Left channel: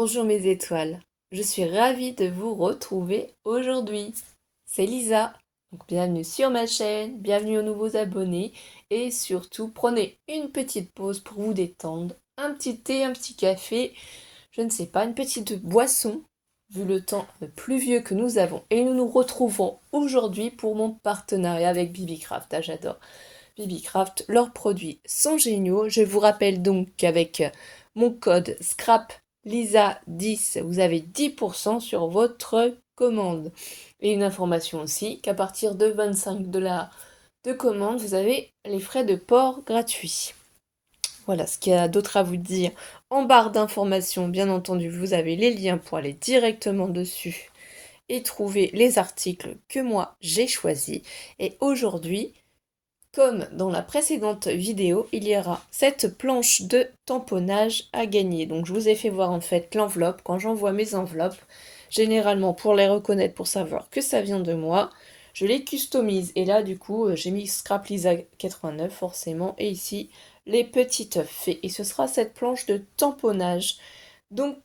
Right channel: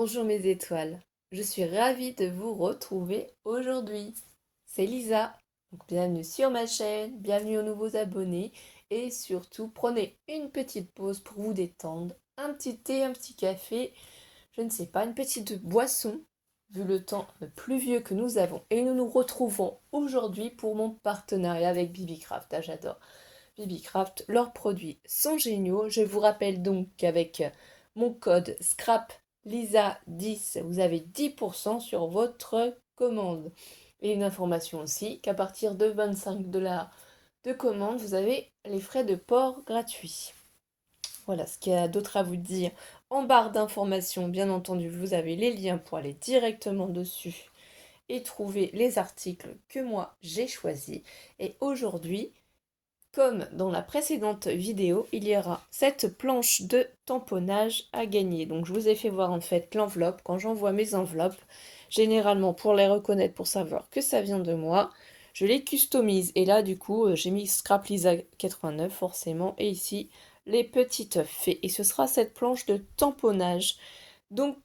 Bonjour mes étoiles, je suis ravie de vous retrouver aujourd'hui. C'est Lisa, donc bienvenue sur ma chaîne, bienvenue aux nouveaux abonnés et surtout prenez une petite pause pour vous détendre, un petit thé, un petit café, je ne sais pas, une petite boisson, vu le temps pluvieux que nous avons. Et nous nous retrouvons aujourd'hui pour mon partenariat avec Bibicraft. Ah, j'adore Bibicraft, leurs produits sont géniaux. Je vous rappelle donc qu'avec mon code SCRAP Lisa10, vous avez 10% sur votre commande. Et une information aussi, qu'à partir de 25 $ de commande, vous avez les frais de port gratuits. Voilà ce qu'il y a d'autre à vous dire. En barre d'informations, bien entendu, vous avez les liens pour aller directement dessus et trouver les articles que moi j'ai choisis. Et aujourd'hui, comme dans la précédente vidéo, il y aura cette planche de tamponnage à gagner. Donc je vous ai fait voir en fait l'enveloppe. Quand j'envoie mes enveloppes, généralement pour les reconnaître, pour savoir que ça vient de moi, je les customise. Et là du coup, j'ai mis Scrap Lisa 89 forcément. Et ici, les petites fées. Et ce sera cette planche de tamponnage. Donc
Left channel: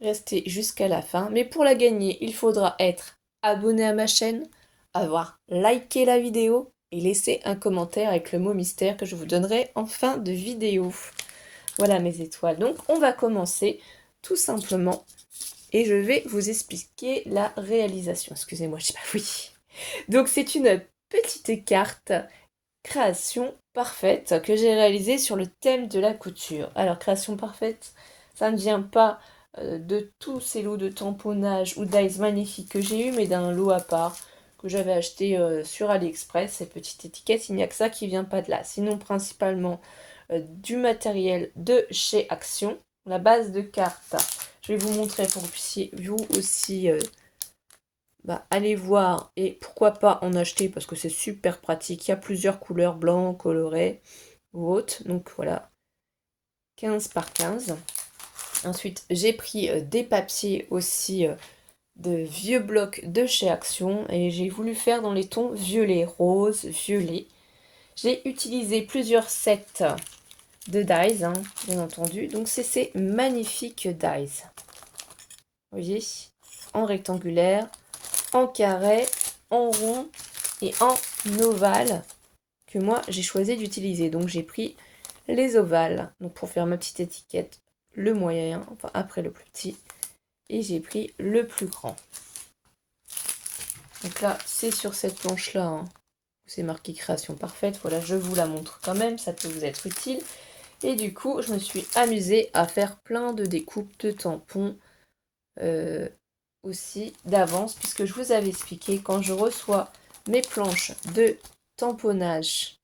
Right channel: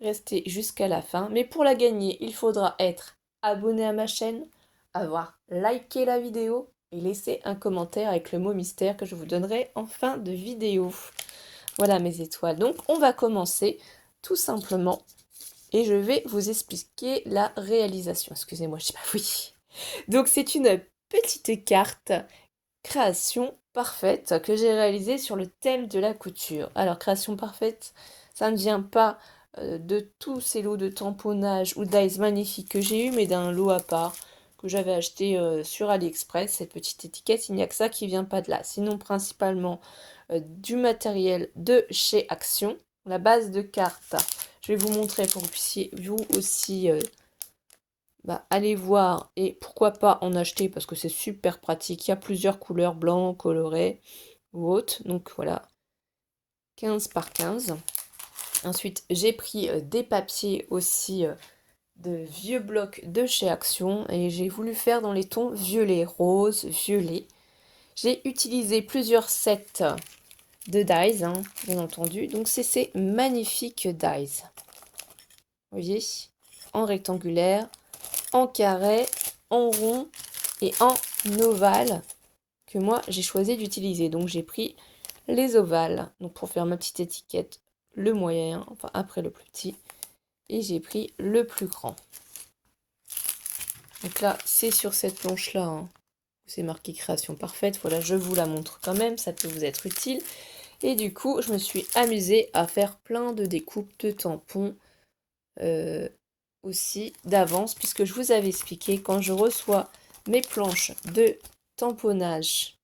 restez jusqu'à la fin. Mais pour la gagner, il faudra être abonné à ma chaîne, avoir liké la vidéo et laisser un commentaire avec le mot mystère que je vous donnerai en fin de vidéo. Voilà mes étoiles. Donc on va commencer tout simplement et je vais vous expliquer la réalisation. Excusez-moi, je sais pas, oui. Donc c'est une petite carte création parfaite que j'ai réalisée sur le thème de la couture. Alors création parfaite, ça ne vient pas de tous ces lots de tamponnage ou d'eyes magnifiques que j'ai eu, mais d'un lot à part que j'avais acheté sur AliExpress. Cette petite étiquette, il n'y a que ça qui vient pas de là. Sinon principalement du matériel de chez Action. La base de carte, je vais vous montrer pour que vous puissiez vous aussi allez voir et pourquoi pas en acheter parce que c'est super pratique. Il y a plusieurs couleurs, blanc, coloré ou autre. Donc voilà, 15 par 15. Ensuite, j'ai pris des papiers aussi de vieux blocs de chez Action et j'ai voulu faire dans les tons violet, rose, violet. J'ai utilisé plusieurs sets de dies, hein, bien entendu. Donc c'est ces magnifiques dies. Vous voyez, en rectangulaire, en carré, en rond et en ovale que moi j'ai choisi d'utiliser. Donc j'ai pris les ovales, donc pour faire ma petite étiquette, le moyen, enfin après le plus petit, et j'ai pris le plus grand. Donc là, c'est sur cette planche-là, hein, c'est marqué création parfaite. Voilà, je vous la montre quand même, ça peut vous être utile. Et du coup, je me suis amusée à faire plein de découpes de tampons aussi d'avance, puisque je vous avais expliqué, quand je reçois mes planches de tamponnage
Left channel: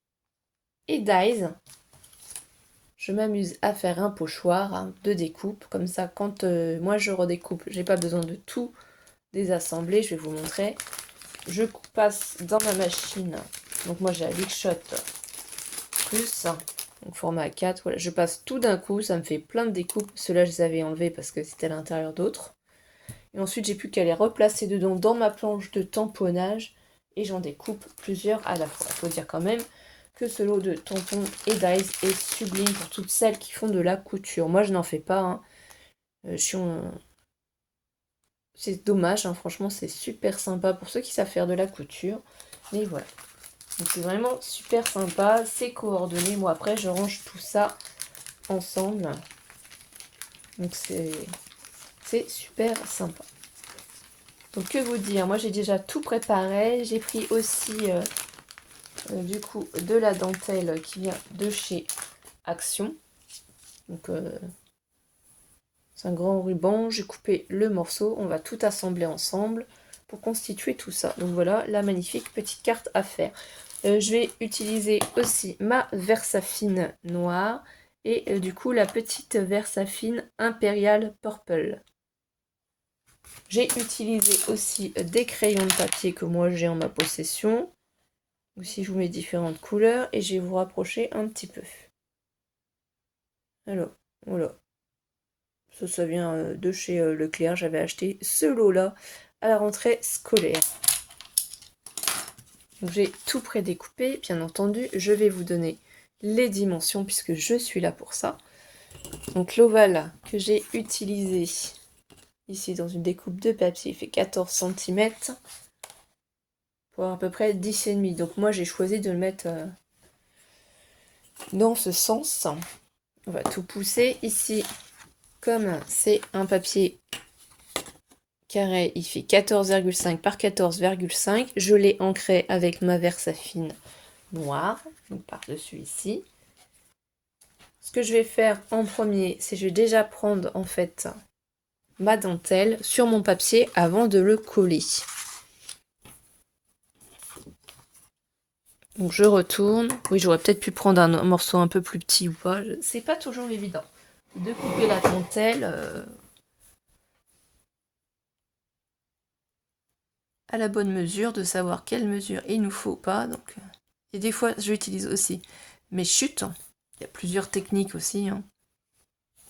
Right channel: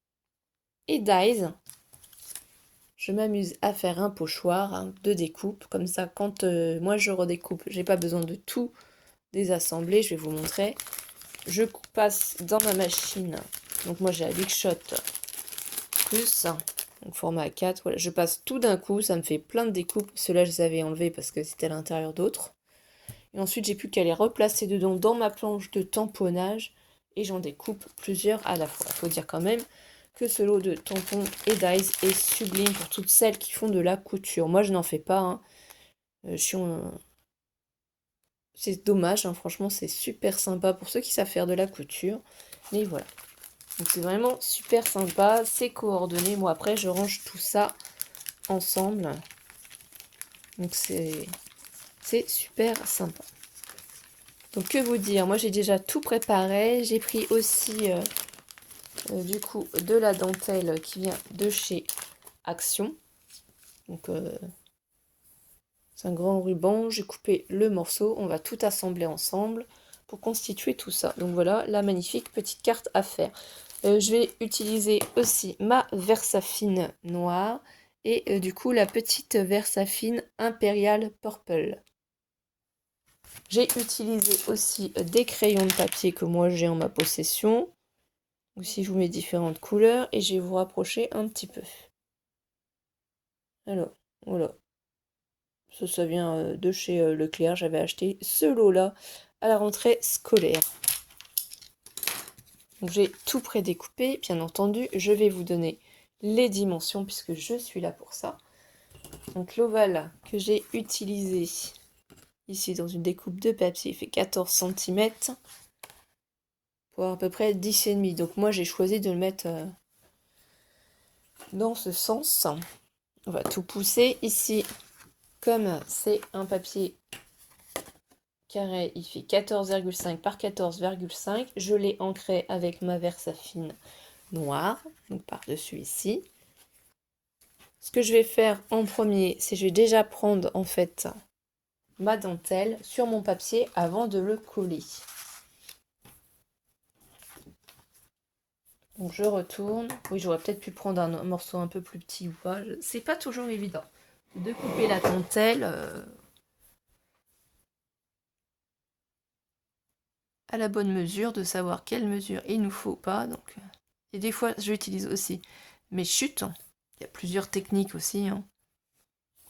et dies, je m'amuse à faire un pochoir, hein, de découpe. Comme ça, quand moi je redécoupe, j'ai pas besoin de tout désassembler. Je vais vous montrer. Je passe dans ma machine. Donc moi j'ai la Big Shot Plus, donc format 4. Voilà, je passe tout d'un coup. Ça me fait plein de découpes. Ceux-là, je les avais enlevés parce que c'était à l'intérieur d'autres. Et ensuite, j'ai plus qu'à les replacer dedans dans ma planche de tamponnage. Et j'en découpe plusieurs à la fois. Il faut dire quand même que ce lot de tampons et dies est sublime pour toutes celles qui font de la couture. Moi, je n'en fais pas, hein. C'est dommage, hein, franchement, c'est super sympa pour ceux qui savent faire de la couture. Mais voilà. Donc c'est vraiment super sympa, c'est coordonné. Moi, après, je range tout ça ensemble. Donc c'est super sympa. Donc que vous dire, moi j'ai déjà tout préparé. J'ai pris aussi du coup de la dentelle qui vient de chez Action. Donc c'est un grand ruban, j'ai coupé le morceau, on va tout assembler ensemble pour constituer tout ça. Donc voilà la magnifique petite carte à faire. Je vais utiliser aussi ma Versafine noire et du coup la petite Versafine Imperial Purple. J'ai utilisé aussi des crayons de papier que moi j'ai en ma possession. Aussi je vous mets différentes couleurs et je vais vous rapprocher un petit peu. Alors voilà. Ça vient de chez Leclerc. J'avais acheté ce lot-là à la rentrée scolaire. Donc j'ai tout prédécoupé. Bien entendu, je vais vous donner les dimensions puisque je suis là pour ça. Donc l'ovale que j'ai utilisé, ici dans une découpe de papier, il fait 14 cm pour à peu près 10,5. Donc moi j'ai choisi de le mettre dans ce sens. On va tout pousser ici. Comme c'est un papier carré, il fait 14,5 par 14,5. Je l'ai ancré avec ma Versafine noire, donc par-dessus ici. Ce que je vais faire en premier, c'est que je vais déjà prendre en fait ma dentelle sur mon papier avant de le coller. Donc je retourne. Oui, j'aurais peut-être pu prendre un morceau un peu plus petit ou pas. C'est pas toujours évident de couper la dentelle à la bonne mesure, de savoir quelle mesure il nous faut pas. Donc, et des fois, j'utilise aussi mes chutes. Il y a plusieurs techniques aussi. Hein.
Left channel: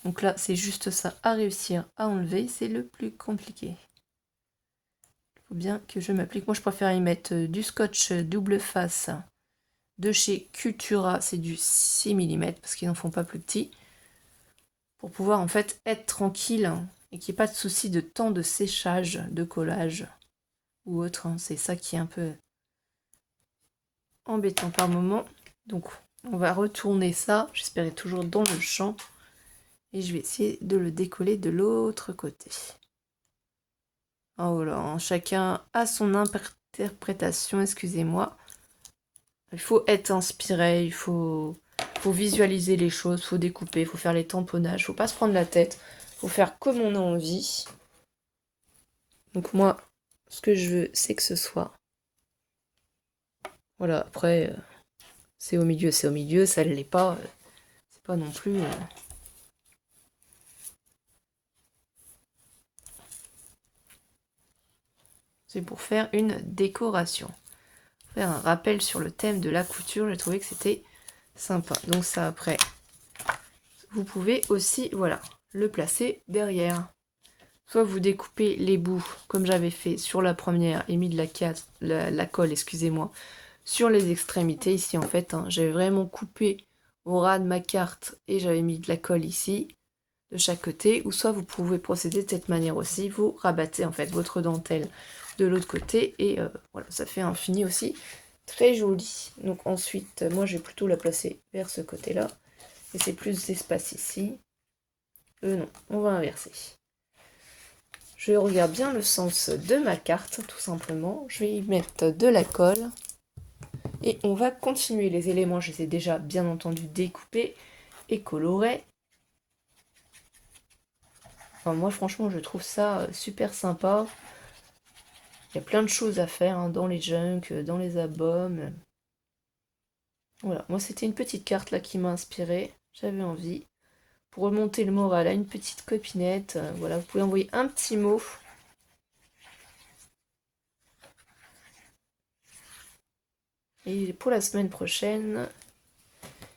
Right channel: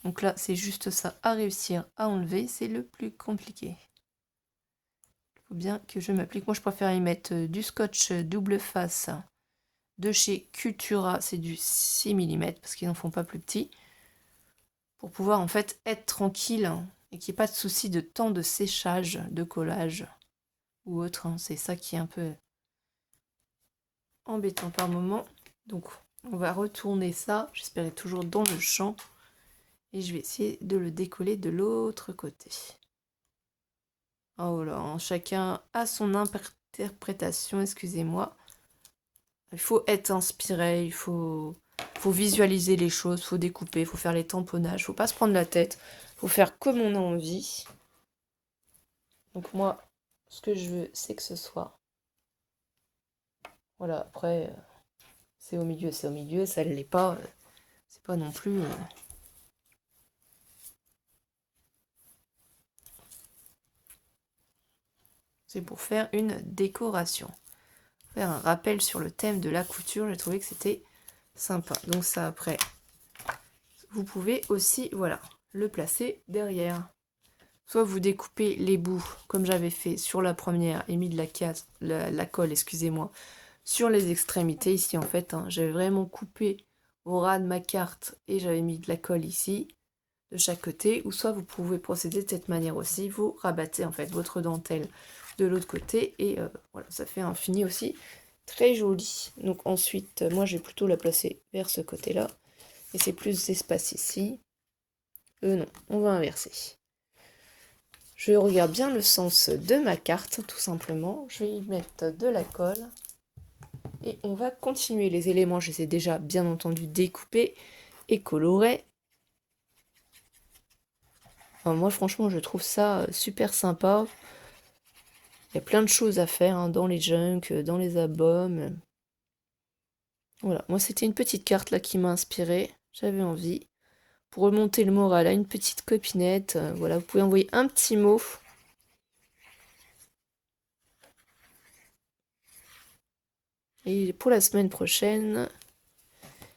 Donc là, c'est juste ça à réussir à enlever. C'est le plus compliqué. Il faut bien que je m'applique. Moi, je préfère y mettre du scotch double face de chez Cultura. C'est du 6 mm parce qu'ils n'en font pas plus petit. Pour pouvoir en fait être tranquille et qu'il n'y ait pas de souci de temps de séchage, de collage ou autre. Hein. C'est ça qui est un peu embêtant par moment. Donc on va retourner ça. J'espère être toujours dans le champ. Et je vais essayer de le décoller de l'autre côté. Oh là, chacun a son interprétation, excusez-moi. Il faut être inspiré, il faut visualiser les choses, il faut découper, il faut faire les tamponnages, il ne faut pas se prendre la tête, il faut faire comme on a envie. Donc moi, ce que je veux, c'est que ce soit... Voilà, après, c'est au milieu, ça ne l'est pas. C'est pas non plus... C'est pour faire une décoration. Faire un rappel sur le thème de la couture, j'ai trouvé que c'était sympa. Donc ça, après, vous pouvez aussi, voilà, le placer derrière. Soit vous découpez les bouts, comme j'avais fait sur la première, et mis de la colle, excusez-moi, sur les extrémités ici en fait. Hein, j'avais vraiment coupé au ras de ma carte et j'avais mis de la colle ici, de chaque côté. Ou soit vous pouvez procéder de cette manière aussi, vous rabattez en fait votre dentelle de l'autre côté et voilà, ça fait un fini aussi très joli. Donc ensuite, moi je vais plutôt la placer vers ce côté-là. Et c'est plus d'espace ici. Non, on va inverser. Je regarde bien le sens de ma carte, tout simplement. Je vais y mettre de la colle. Et on va continuer les éléments. Je les ai déjà, bien entendu, découpés et colorés. Enfin, moi, franchement, je trouve ça super sympa. Il y a plein de choses à faire hein, dans les junks, dans les albums. Voilà, moi, c'était une petite carte là qui m'a inspirée. J'avais envie. Pour remonter le moral à une petite copinette, voilà, vous pouvez envoyer un petit mot. Et pour la semaine prochaine,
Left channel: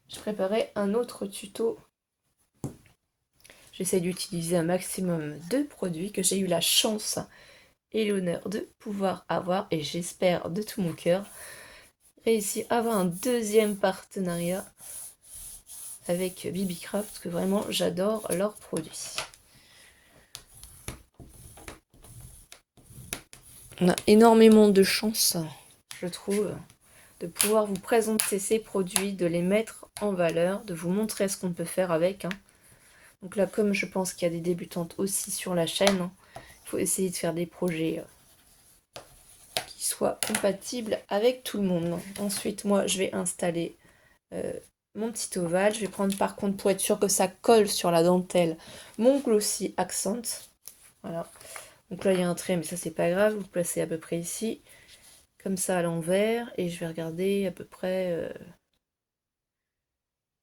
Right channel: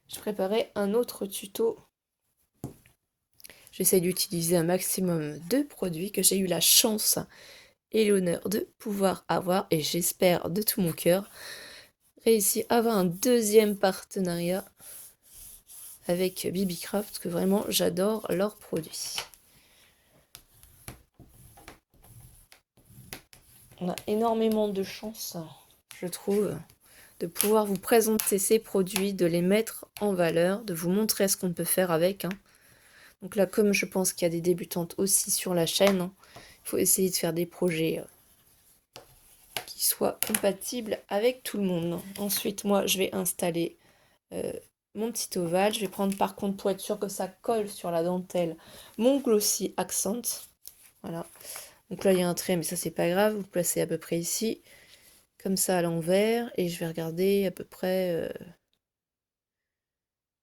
je préparais un autre tuto. J'essaie d'utiliser un maximum de produits que j'ai eu la chance et l'honneur de pouvoir avoir, et j'espère de tout mon cœur réussir à avoir un deuxième partenariat avec Bibicraft, parce que vraiment j'adore leurs produits. On a énormément de chance, je trouve, de pouvoir vous présenter ces produits, de les mettre en valeur, de vous montrer ce qu'on peut faire avec. Hein. Donc là, comme je pense qu'il y a des débutantes aussi sur la chaîne, hein, il faut essayer de faire des projets qui soient compatibles avec tout le monde. Ensuite, moi, je vais installer mon petit ovale. Je vais prendre par contre, pour être sûr que ça colle sur la dentelle, mon Glossy Accent. Voilà. Donc là, il y a un trait, mais ça, c'est pas grave. Vous placez à peu près ici, comme ça à l'envers. Et je vais regarder à peu près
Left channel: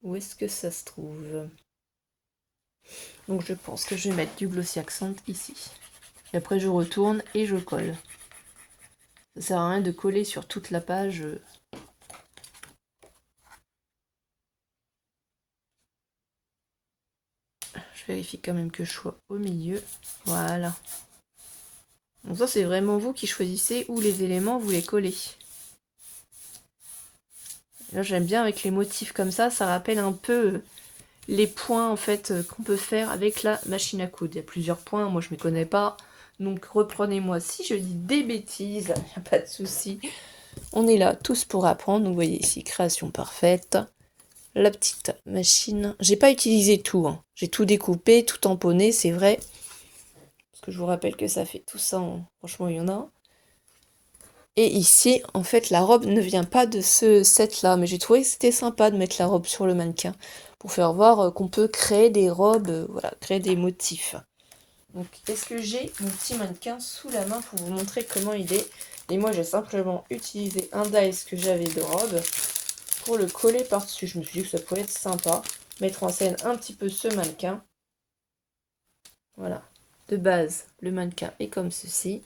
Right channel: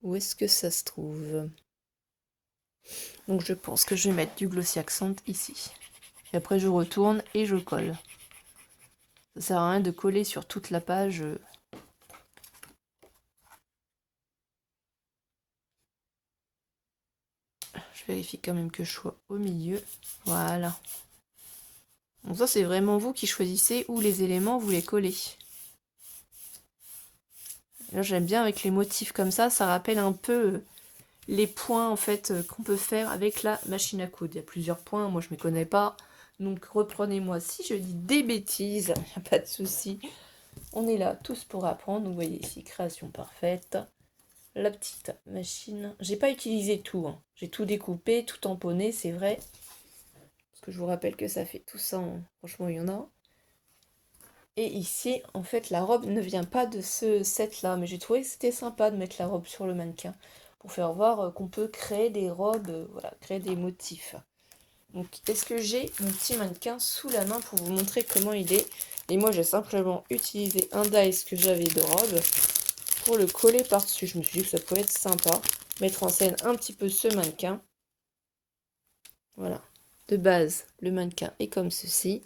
où est-ce que ça se trouve. Donc je pense que je vais mettre du Glossy Accent ici. Et après, je retourne et je colle. Ça sert à rien de coller sur toute la page. Je vérifie quand même que je sois au milieu. Voilà. Donc ça, c'est vraiment vous qui choisissez où les éléments vous les collez. Là, j'aime bien avec les motifs comme ça rappelle un peu les points en fait qu'on peut faire avec la machine à coudre. Il y a plusieurs points, moi je ne me connais pas. Donc reprenez-moi si je dis des bêtises, il n'y a pas de souci. On est là tous pour apprendre. Donc vous voyez ici, création parfaite. La petite machine. J'ai pas utilisé tout, hein. J'ai tout découpé, tout tamponné, c'est vrai. Parce que je vous rappelle que ça fait tout ça, hein. Franchement, il y en a. Et ici, en fait, la robe ne vient pas de ce set-là. Mais j'ai trouvé que c'était sympa de mettre la robe sur le mannequin. Pour faire voir qu'on peut créer des robes, voilà, créer des motifs. Donc, est-ce que j'ai mon petit mannequin sous la main pour vous montrer comment il est? Et moi, j'ai simplement utilisé un dice que j'avais de robe pour le coller par-dessus. Je me suis dit que ça pourrait être sympa. Mettre en scène un petit peu ce mannequin. Voilà. De base, le mannequin est comme ceci.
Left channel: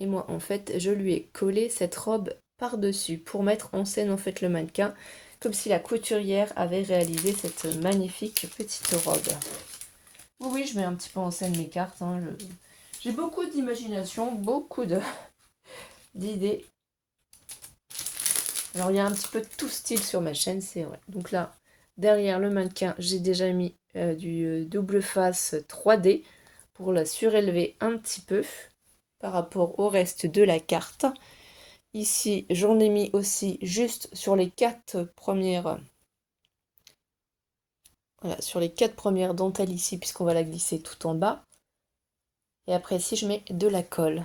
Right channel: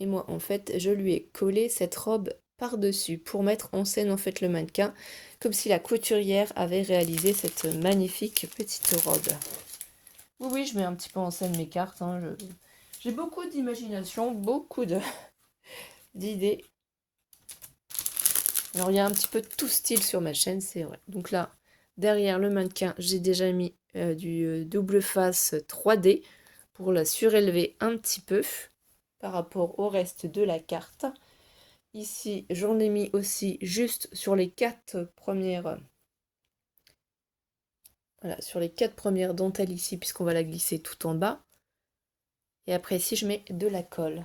Et moi, en fait, je lui ai collé cette robe par-dessus pour mettre en scène, en fait, le mannequin. Comme si la couturière avait réalisé cette magnifique petite robe. Oui, je mets un petit peu en scène mes cartes. Hein, j'ai beaucoup d'imagination, beaucoup d'idées. Alors, il y a un petit peu de tout style sur ma chaîne, c'est vrai. Donc là, derrière le mannequin, j'ai déjà mis du double face 3D pour la surélever un petit peu par rapport au reste de la carte. Ici, j'en ai mis aussi juste sur les 4 premières... Voilà, sur les 4 premières dentelles ici, puisqu'on va la glisser tout en bas. Et après, ici, je mets de la colle.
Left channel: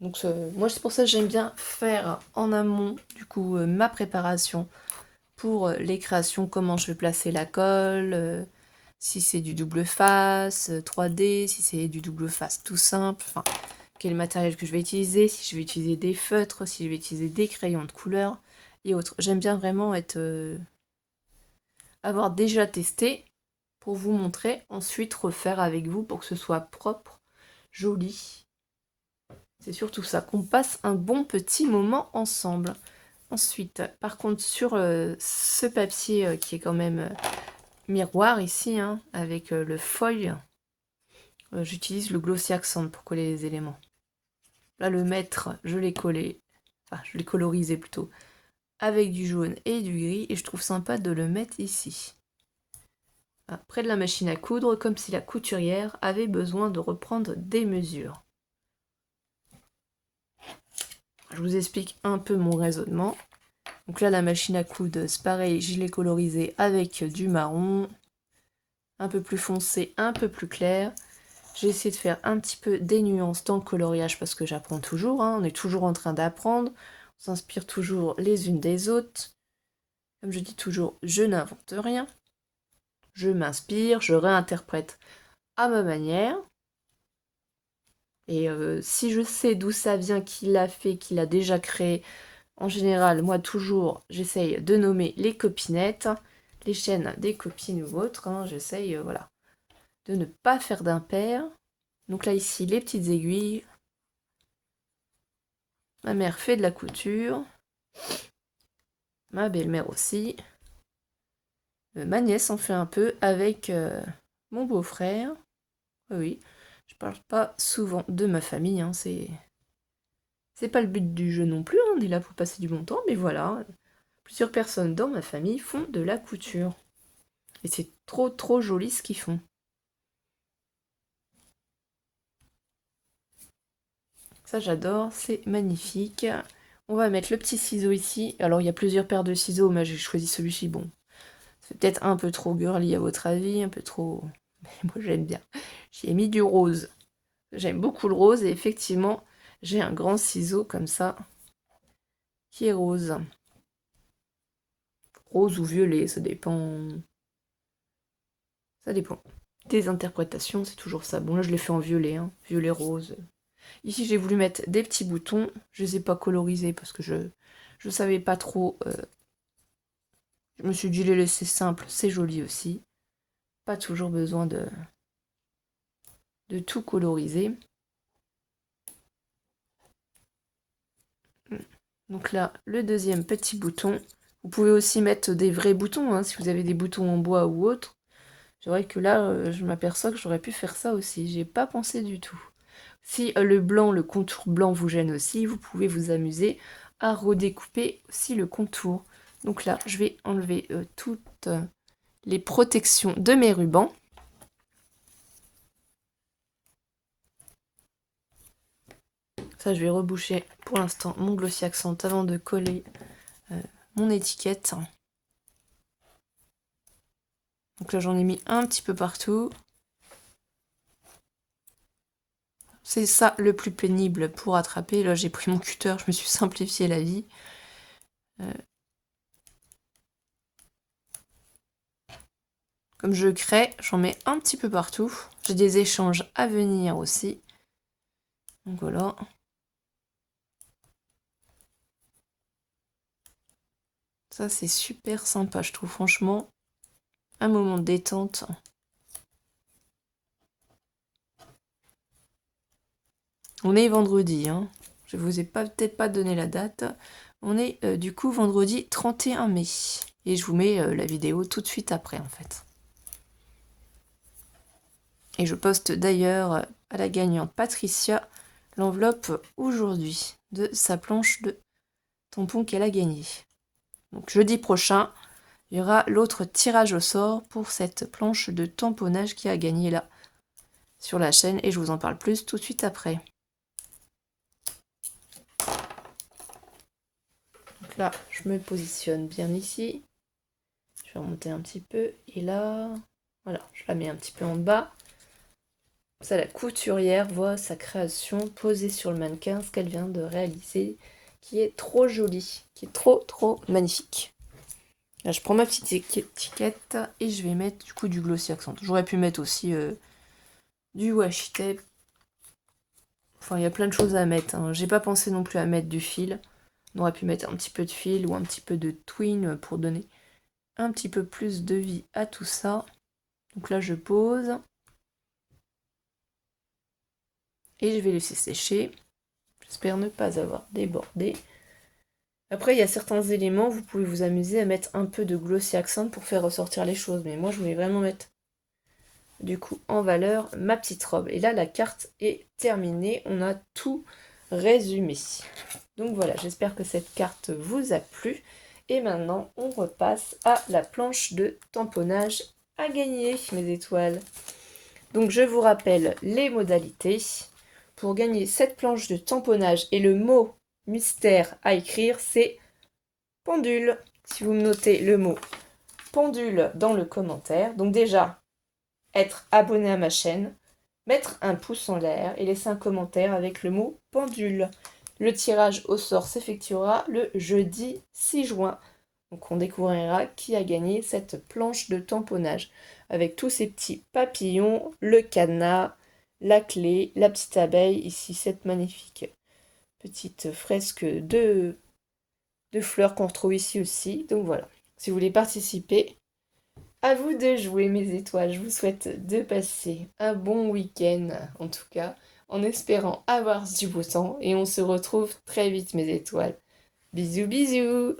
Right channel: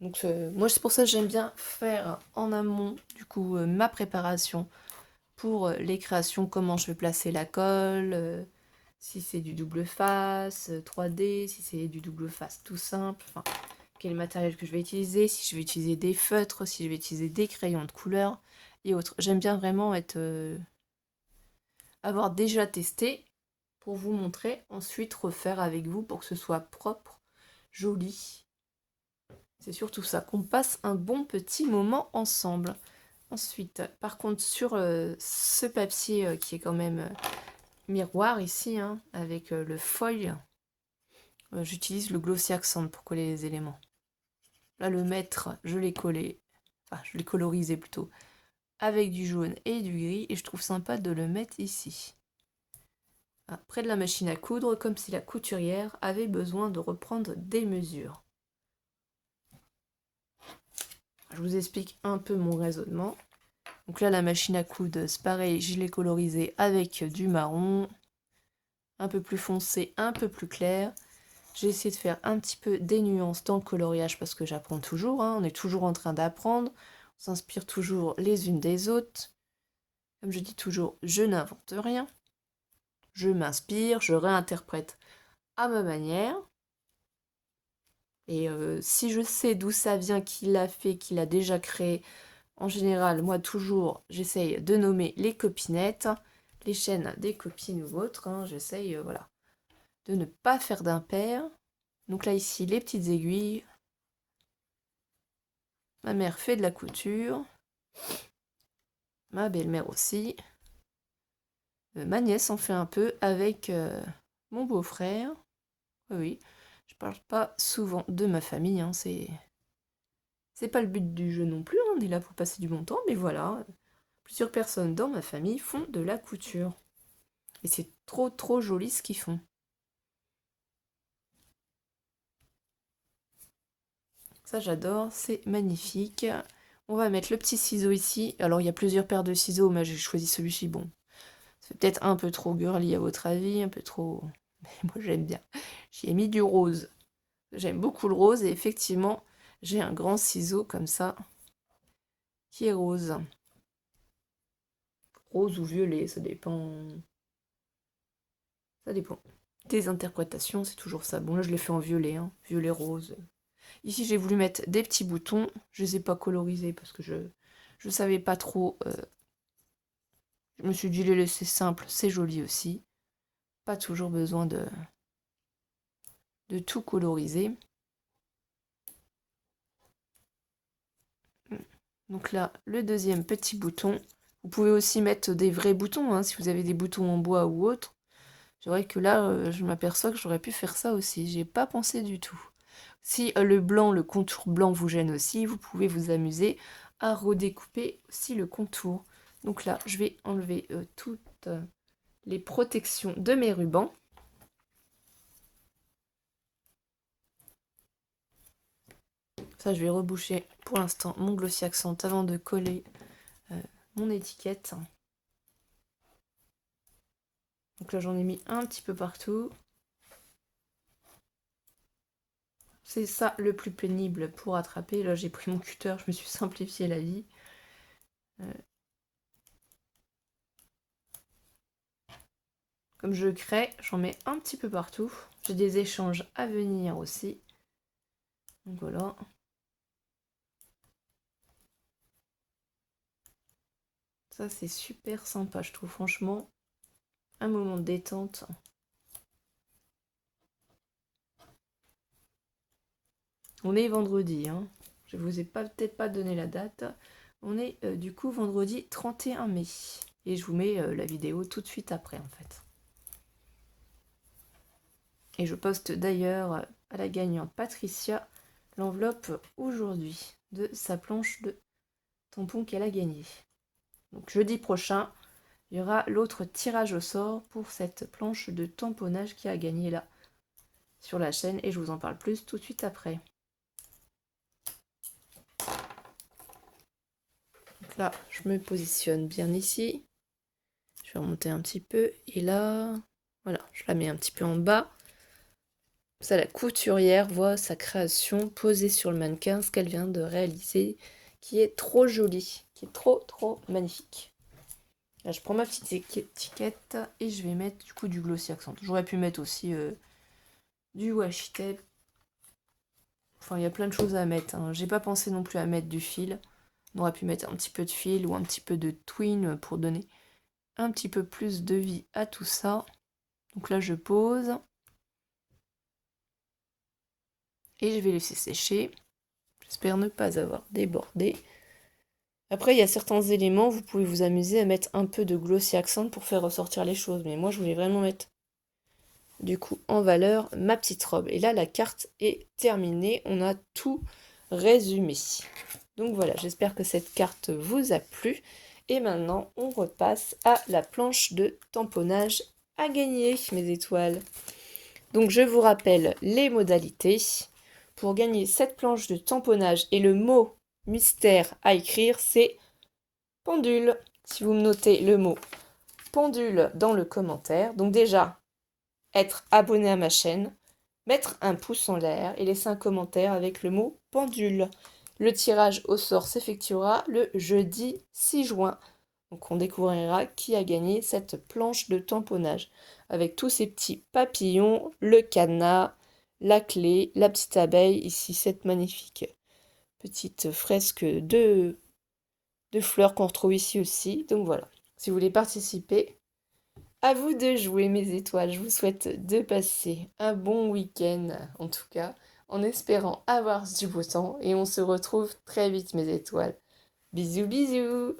Donc moi, c'est pour ça que j'aime bien faire en amont, du coup, ma préparation pour les créations, comment je vais placer la colle, si c'est du double face, 3D, si c'est du double face tout simple, enfin, quel matériel que je vais utiliser, si je vais utiliser des feutres, si je vais utiliser des crayons de couleur et autres. J'aime bien vraiment avoir déjà testé pour vous montrer, ensuite refaire avec vous pour que ce soit propre, joli. C'est surtout ça, qu'on passe un bon petit moment ensemble. Ensuite, par contre, sur ce papier qui est quand même miroir ici, hein, avec le foil, j'utilise le Glossy Accent pour coller les éléments. Là, le maître, je l'ai collé, enfin, je l'ai colorisé plutôt, avec du jaune et du gris, et je trouve sympa de le mettre ici. Près de la machine à coudre, comme si la couturière avait besoin de reprendre des mesures. Je vous explique un peu mon raisonnement. Donc là, la machine à coudre, c'est pareil, je l'ai colorisé avec du marron, un peu plus foncé, un peu plus clair. J'ai essayé de faire un petit peu des nuances dans le coloriage parce que j'apprends toujours, hein, on est toujours en train d'apprendre, on s'inspire toujours les unes des autres. Comme je dis toujours, je n'invente rien, je m'inspire, je réinterprète à ma manière. Et si je sais d'où ça vient, qui l'a fait, qui l'a déjà créé, en général, moi toujours, j'essaye de nommer les copinettes, les chaînes des copines ou autres, hein, j'essaye, voilà, de ne pas faire d'impair. Donc là, ici, les petites aiguilles. Ma mère fait de la couture. Ma belle-mère aussi. Ma nièce en fait un peu avec mon beau-frère. Oui, je parle pas souvent de ma famille, hein, c'est pas le but du jeu non plus, hein, on est là pour passer du bon temps, mais voilà, plusieurs personnes dans ma famille font de la couture. Et c'est trop trop joli ce qu'ils font. Ça j'adore, c'est magnifique. On va mettre le petit ciseau ici. Alors il y a plusieurs paires de ciseaux, mais j'ai choisi celui-ci. Bon, c'est peut-être un peu trop girly à votre avis, un peu trop... Mais moi j'aime bien. J'ai mis du rose. J'aime beaucoup le rose et effectivement j'ai un grand ciseau comme ça qui est rose. Rose ou violet, ça dépend. Ça dépend. Des interprétations, c'est toujours ça. Bon là je l'ai fait en violet, hein. Violet rose. Ici j'ai voulu mettre des petits boutons. Je les ai pas colorisés parce que je savais pas trop. Je me suis dit les laisser simples, c'est joli aussi. Pas toujours besoin de tout coloriser. Donc là, le deuxième petit bouton. Vous pouvez aussi mettre des vrais boutons, hein, si vous avez des boutons en bois ou autre. C'est vrai que là, je m'aperçois que j'aurais pu faire ça aussi. J'ai pas pensé du tout. Si le blanc, le contour blanc vous gêne aussi, vous pouvez vous amuser à redécouper aussi le contour. Donc là, je vais enlever toutes les protections de mes rubans. Ça, je vais reboucher pour l'instant mon Glossy Accent avant de coller mon étiquette. Donc là, j'en ai mis un petit peu partout. C'est ça le plus pénible pour attraper. Là, j'ai pris mon cutter, je me suis simplifié la vie. Comme je crée, j'en mets un petit peu partout. J'ai des échanges à venir aussi. Donc voilà. Ça, c'est super sympa, je trouve. Franchement, un moment de détente. On est vendredi, hein. Je vous ai peut-être pas donné la date. On est du coup vendredi 31 mai. Et je vous mets la vidéo tout de suite après, en fait. Et je poste d'ailleurs à la gagnante Patricia l'enveloppe aujourd'hui de sa planche de tampons qu'elle a gagnée. Donc jeudi prochain, il y aura l'autre tirage au sort pour cette planche de tamponnage qui a gagné là sur la chaîne et je vous en parle plus tout de suite après. Donc là, je me positionne bien ici. Je vais remonter un petit peu et là, voilà, je la mets un petit peu en bas. Ça, la couturière voit sa création posée sur le mannequin, ce qu'elle vient de réaliser, qui est trop jolie, qui est trop magnifique. Là, je prends ma petite étiquette et je vais mettre du coup du Glossy Accent. J'aurais pu mettre aussi du washi tape. Enfin, il y a plein de choses à mettre. Hein. J'ai pas pensé non plus à mettre du fil. On aurait pu mettre un petit peu de fil ou un petit peu de twine pour donner un petit peu plus de vie à tout ça. Donc là, je pose. Et je vais laisser sécher. J'espère ne pas avoir débordé. Après, il y a certains éléments, vous pouvez vous amuser à mettre un peu de Glossy Accent pour faire ressortir les choses. Mais moi, je voulais vraiment mettre, du coup, en valeur ma petite robe. Et là, la carte est terminée. On a tout résumé. Donc voilà, j'espère que cette carte vous a plu. Et maintenant, on repasse à la planche de tamponnage à gagner, mes étoiles. Donc je vous rappelle les modalités. Pour gagner cette planche de tamponnage et le mot mystère à écrire, c'est pendule. Si vous me notez le mot pendule dans le commentaire, donc déjà, être abonné à ma chaîne, mettre un pouce en l'air et laisser un commentaire avec le mot pendule. Le tirage au sort s'effectuera le jeudi 6 juin. Donc on découvrira qui a gagné cette planche de tamponnage avec tous ces petits papillons, le cadenas, la clé, la petite abeille, ici cette magnifique petite fresque de fleurs qu'on retrouve ici aussi. Donc voilà, si vous voulez participer, à vous de jouer mes étoiles. Je vous souhaite de passer un bon week-end, en tout cas, en espérant avoir du beau temps. Et on se retrouve très vite mes étoiles. Bisous bisous.